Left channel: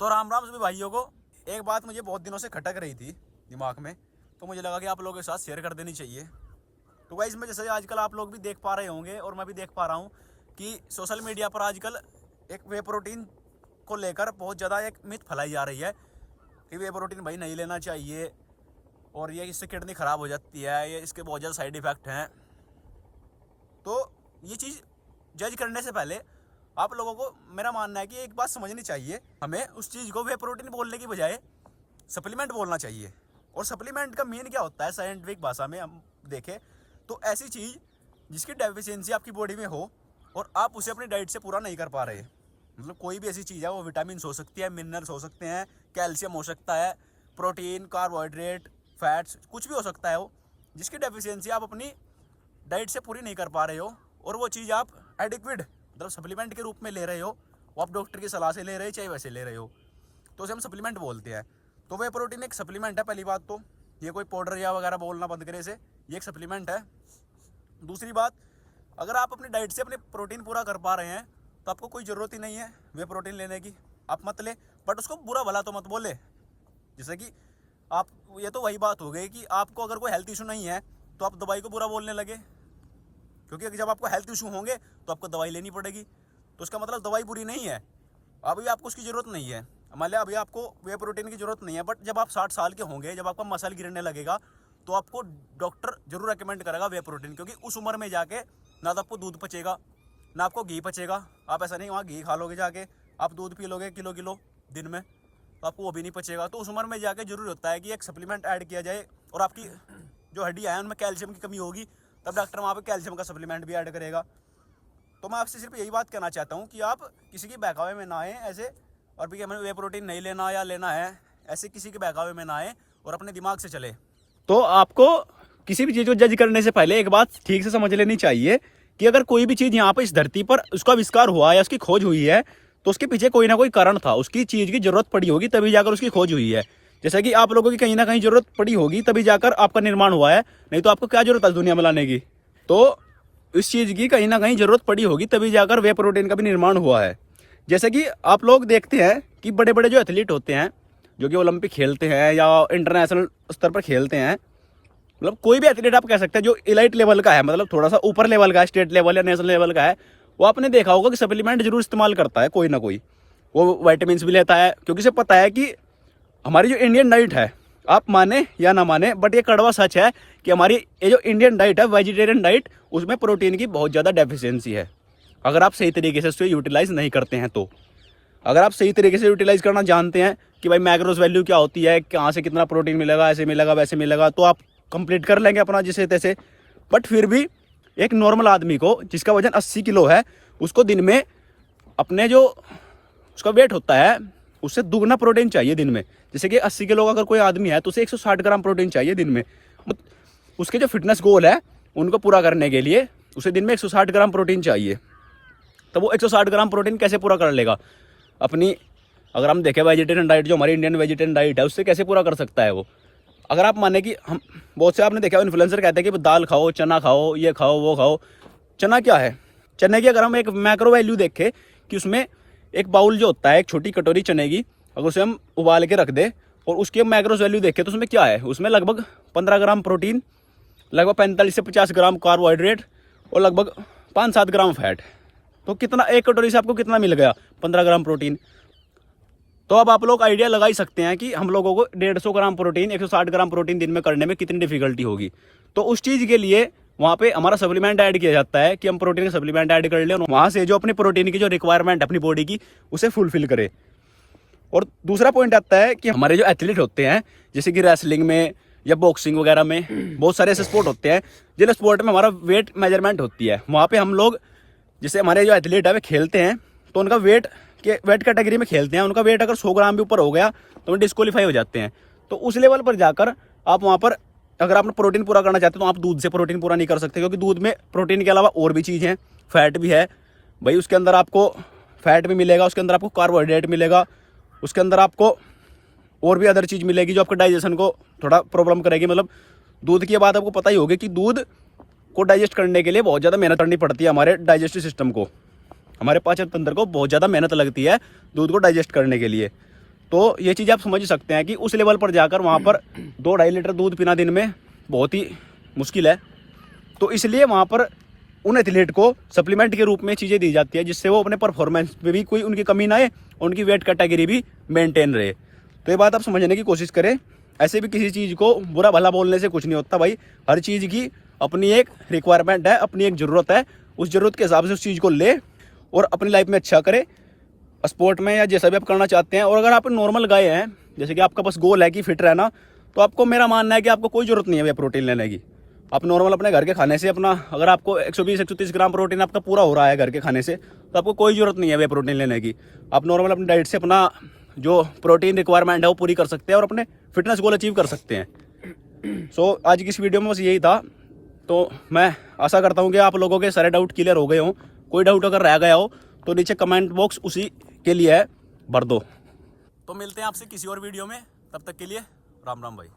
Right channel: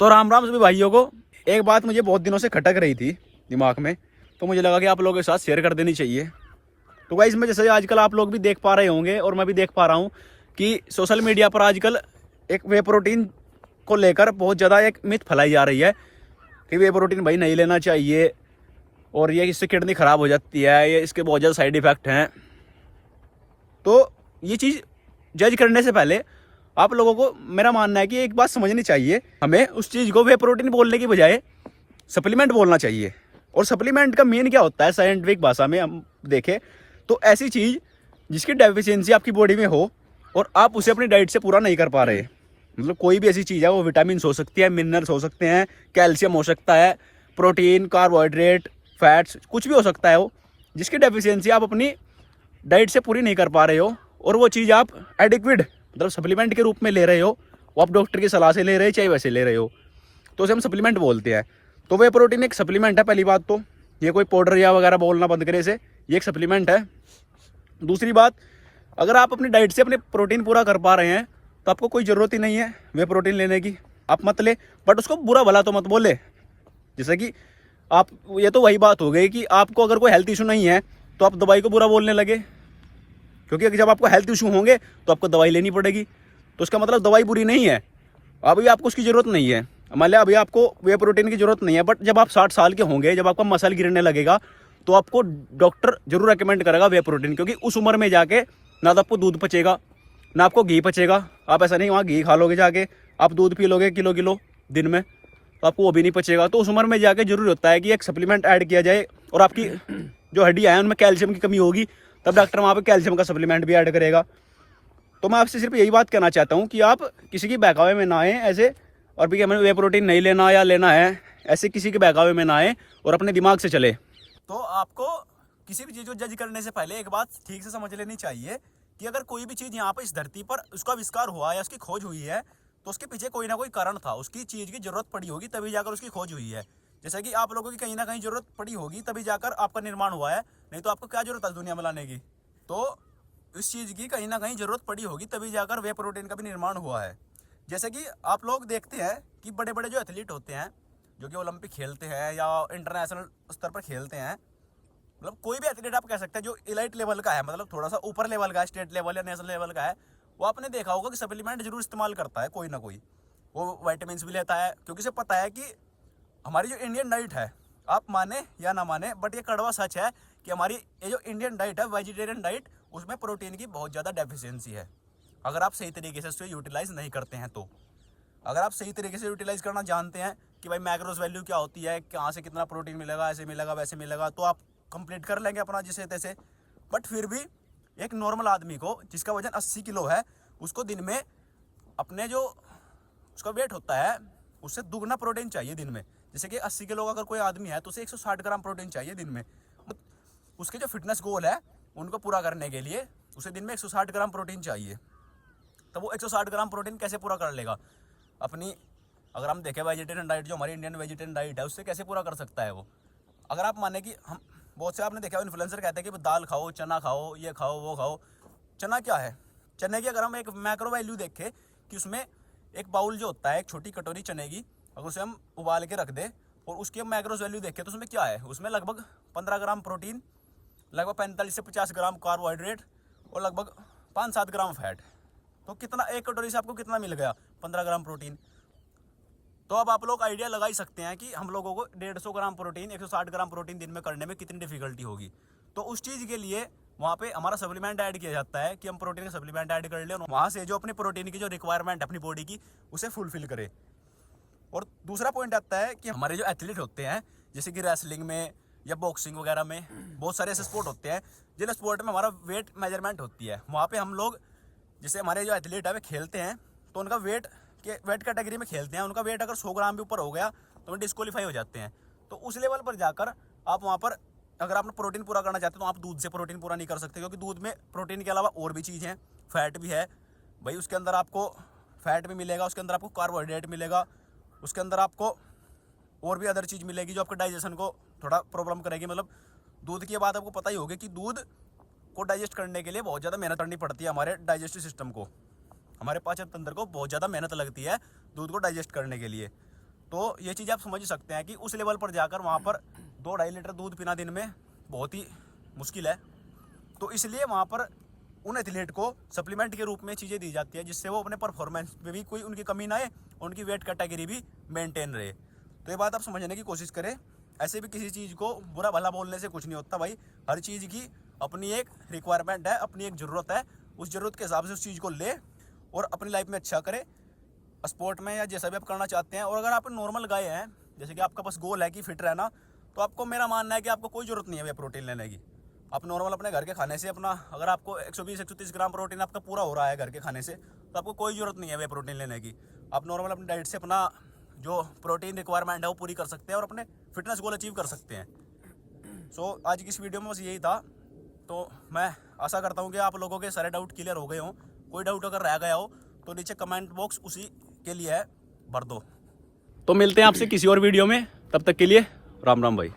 तो राम राम सभी भाइयों को। एक बात मुझे बहुत दिनों से खटक रही थी दिमाग में, तो मुझे लगा कि आप लोगों के साथ शेयर कर देनी चाहिए। तो गाइस, इसमें जैसे आजकल आप लोग भी देख पा रहे होंगे और मैं भी देख पा रहा हूँ कि सोशल मीडिया पर आजकल एक वे प्रोटीन को लेकर बहुत ज़्यादा एक मिथ फैलाई जा रही है कि वे प्रोटीन भाई नहीं लेना चाहिए और ये इससे किडनी ख़राब हो जाती है, ये इसके बहुत ज़्यादा साइड इफ़ेक्ट हैं। तो ये चीज़ जज करने से पहले आप लोगों को मेरा मानना है कि एक बात समझनी चाहिए, हमें उस चीज़ को वे प्रोटीन बोलने की बजाय सप्लीमेंट बोलना चाहिए। और सप्लीमेंट का मेन क्या होता है साइंटिफिक भाषा में हम देखें तो ऐसी चीज़ जिसकी डेफिशिएंसी आपकी बॉडी में हो और आप उसे अपनी डाइट से पूरा नहीं कर पा रहे। मतलब कोई भी ऐसी चीज़ है, वो विटामिन हो सकती है, मिनरल्स हो सकते हैं, कैल्शियम हो सकता है, प्रोटीन, कार्बोहाइड्रेट, फैट्स, कुछ भी हो सकता है वो, जिसकी डेफिशिएंसी आप अपनी डाइट से पूरी नहीं कर पा रहे हो और वो चीज़ आप एडिक्विड मतलब सप्लीमेंट के रूप में ले रहे हो, वो आप डॉक्टर की सलाह से ले रहे हो चाहे वैसे ले रहे हो, तो उसे हम सप्लीमेंट बोलते हैं। तो वे प्रोटीन एक सप्लीमेंट है। पहली बात तो ये कोई पाउडर या वगैरह बोलना बंद करे इसे, ये एक सप्लीमेंट है। दूसरी बात, अगर आप अपनी डाइट से अपने प्रोटीन पूरा कर पा रहे हैं तो आपको कोई ज़रूरत ही नहीं है वे प्रोटीन लेने की। आप मत ले, बट उसको बुरा भला तो मत बोले। जैसे कि आप, ये तो वही बात हो गई कि आपको अगर कोई हेल्थ इशू नहीं है तो आप दवाई को बुरा बोलने लगे, क्योंकि जब आपको हेल्थ इशू होंगे तो आपको दवाई लेनी पड़ेगी। तो उसका मतलब दवाई बुरी नहीं है, अभी आपको उसकी ज़रूरत नहीं है। मान लिया अभी आपको वे प्रोटीन की ज़रूरत नहीं है, बट जब आप 60 साल के होंगे, जब आपका मसल गिरने लगेगा, तो आपको डॉक्टर जरूर रेकमेंड करेगा वे प्रोटीन, क्योंकि उस उम्र में जाके ना तो आपको दूध पचेगा ना आपको घी पचेगा। आप ऐसा नहीं वहाँ घी खा लोगे जाके, आप दूध पी लोगे किलो किलो दिन में, तो आपको वो भी नहीं पचेगा। तो उस उम्र में जाके जरूरी होता है कि एक सप्लीमेंट ऐड किया जाए, और आपकी जो हड्डियाँ हैं उनमें कैल्शियम की कमी होगी, तब डॉक्टर वहाँ पे कैल्शियम का सप्लीमेंट भी ऐड करेगा। तो मैं आपसे सिर्फ यही बात कहना चाहता हूँ कि आप किसी की बहकावे में ना आए ऐसे, और भी हमें वे प्रोटीन नहीं लेना या लेना है, ऐसे किसी के बहकावे में ना आए और अपने दिमाग से चले। तो आपको किसी भी चीज़ को जज करने से पहले एक बात ठीक से समझ लेनी चाहिए कि अगर कोई भी चीज़ यहाँ पर इस धरती पर उसका आविष्कार हुआ या उसकी खोज हुई है तो उसके पीछे कोई ना कोई कारण था, उसकी चीज़ की ज़रूरत पड़ी होगी तभी जाकर उसकी खोज हुई है। जैसे कि आप लोगों की कहीं ना कहीं ज़रूरत पड़ी होगी तभी जाकर आपका निर्माण हुआ है, नहीं तो आपको क्या ज़रूरत है दुनिया में लाने की। तो इस चीज़ की कहीं ना कहीं ज़रूरत पड़ी होगी तभी जाकर वे प्रोटीन का भी निर्माण हुआ है। जैसे कि आप लोग देखते हैं कि बड़े बड़े जो एथलीट होते हैं, जो कि ओलंपिक खेलते हैं या इंटरनेशनल स्तर पर खेलते हैं, मतलब कोई भी एथलीट आप कह सकते हैं जो इलाइट लेवल का है, मतलब थोड़ा सा ऊपर लेवल का है, स्टेट लेवल या नेशनल लेवल का है, वो आपने देखा होगा कि सप्लीमेंट जरूर इस्तेमाल करता है कोई ना कोई। वो वाइटामिन भी लेता है, क्योंकि उसे पता है कि हमारी जो इंडियन डाइट है, आप माने या ना माने, बट ये कड़वा सच है कि हमारी ये जो इंडियन डाइट है, वेजिटेरियन डाइट, उसमें प्रोटीन की बहुत ज़्यादा डेफिशिएंसी है। अगर आप सही तरीके से उसको यूटिलाइज़ नहीं करते हैं तो, अगर आप सही तरीके से यूटिलाइज़ करना जानते हैं कि भाई मैक्रोस वैल्यू क्या होती है, कहाँ से कितना प्रोटीन मिलेगा, ऐसे मिलेगा वैसे मिलेगा, तो आप कंप्लीट कर लेंगे अपना जिसे तैसे। बट फिर भी एक नॉर्मल आदमी को जिसका वजन 80 किलो है, उसको दिन में अपने जो उसका वेट होता है उससे दुगना प्रोटीन चाहिए दिन में। जैसे कि 80 किलो का अगर कोई आदमी है तो उसे 160 ग्राम प्रोटीन चाहिए दिन में। उसके जो फिटनेस गोल है उनको पूरा करने के लिए उसे दिन में 160 ग्राम प्रोटीन चाहिए। तो वो 160 ग्राम प्रोटीन कैसे पूरा कर लेगा अपनी, अगर हम देखें वेजिटेरियन डाइट, जो हमारी इंडियन वेजिटेरियन डाइट है, उससे कैसे पूरा कर सकता है वो। अगर आप माने कि हम, बहुत से आपने देखा इन्फ्लुएंसर कहते हैं कि दाल खाओ, चना खाओ, ये खाओ वो खाओ। चना क्या है? चने की अगर हम एक मैक्रो वैल्यू देखें कि उसमें एक बाउल जो होता है, एक छोटी कटोरी चने की, अगर उसे हम उबाल के रख दें और उसकी हम मैक्रोस वैल्यू देखें तो उसमें क्या है, उसमें लगभग 15 ग्राम प्रोटीन, लगभग 45 से 50 ग्राम कार्बोहाइड्रेट और लगभग 5-7 ग्राम फैट। तो कितना, एक कटोरी से आपको कितना मिल गया? 15 ग्राम प्रोटीन। तो अब आप लोग आइडिया लगा ही सकते हैं कि हम लोगों को 150 ग्राम प्रोटीन, 160 ग्राम प्रोटीन दिन में करने में कितनी डिफिकल्टी होगी। तो उस चीज़ के लिए वहाँ पे हमारा सप्लीमेंट ऐड किया जाता है कि हम प्रोटीन का सप्लीमेंट ऐड कर लें और वहाँ से जो अपनी प्रोटीन की जो रिक्वायरमेंट अपनी बॉडी की उसे फुलफिल करे। और दूसरा पॉइंट आता है कि हमारे जो एथलीट होते हैं, जैसे कि रेसलिंग में या बॉक्सिंग वगैरह में, बहुत सारे ऐसे स्पोर्ट होते हैं जिन स्पोर्ट में हमारा वेट मेजरमेंट होती है। वहाँ पे हम लोग, जैसे हमारे जो एथलीट है वे खेलते हैं तो उनका वेट कैटेगरी में खेलते हैं, उनका वेट अगर 100 ग्राम भी ऊपर हो गया तो वो डिस्क्वालीफाई हो जाते हैं। तो उस लेवल पर जाकर आप वहाँ पर अगर आप प्रोटीन पूरा करना चाहते हो तो आप दूध से प्रोटीन पूरा नहीं कर सकते, क्योंकि दूध में प्रोटीन के अलावा और भी चीज़ हैं, फैट भी है भाई, उसके अंदर आपको फैट भी मिलेगा, उसके अंदर आपको कार्बोहाइड्रेट मिलेगा, उसके अंदर आपको और भी अदर चीज़ मिलेगी जो आपके डाइजेशन को थोड़ा प्रॉब्लम करेगी। मतलब दूध की बात आपको पता ही होगी कि दूध को डाइजेस्ट करने के लिए बहुत ज़्यादा मेहनत करनी पड़ती है, हमारे डाइजेस्टिव सिस्टम को, हमारे पाचन तंत्र को बहुत ज़्यादा मेहनत लगती है दूध को डाइजेस्ट करने के लिए। तो ये चीज़ आप समझ सकते हैं कि उस लेवल पर जाकर वहाँ पर 2-2.5 लीटर दूध पीना दिन में बहुत ही मुश्किल है। तो इसलिए वहाँ पर उन एथलीट को सप्लीमेंट के रूप में चीज़ें दी जाती है, जिससे वो अपने परफॉर्मेंस में भी कोई उनकी कमी ना आए, उनकी वेट कैटेगरी भी मेंटेन रहे। तो ये बात आप समझने की कोशिश करें। ऐसे भी किसी चीज़ को बुरा भला बोलने से कुछ नहीं होता भाई। हर चीज़ की अपनी एक रिक्वायरमेंट है, अपनी एक ज़रूरत है। उस ज़रूरत के हिसाब से उस चीज़ को ले और अपनी लाइफ में अच्छा करे, स्पोर्ट में या जैसा भी आप करना चाहते हैं। और अगर आप नॉर्मल गाय हैं, जैसे कि आपका बस गोल है कि फिट रहना, तो आपको मेरा मानना है कि आपको कोई ज़रूरत नहीं है वे प्रोटीन लेने की। आप नॉर्मल अपने घर के खाने से अपना, अगर आपको 120-130 ग्राम प्रोटीन आपका पूरा हो रहा है घर के खाने से, तो आपको कोई ज़रूरत नहीं है वे प्रोटीन लेने की। आप नॉर्मल अपनी डाइट से अपना जो प्रोटीन रिक्वायरमेंट है वो पूरी कर सकते हैं और अपने फिटनेस गोल अचीव कर सकते हैं। सो आज की इस वीडियो में बस यही था। तो मैं आशा करता हूँ कि आप लोगों के सारे डाउट क्लियर हो गए हों। कोई डाउट अगर रह गया हो तो नीचे कमेंट बॉक्स उसी के लिए है, भर दो। तो मिलते हैं आपसे किसी और वीडियो में, तब तक के लिए राम राम भाई।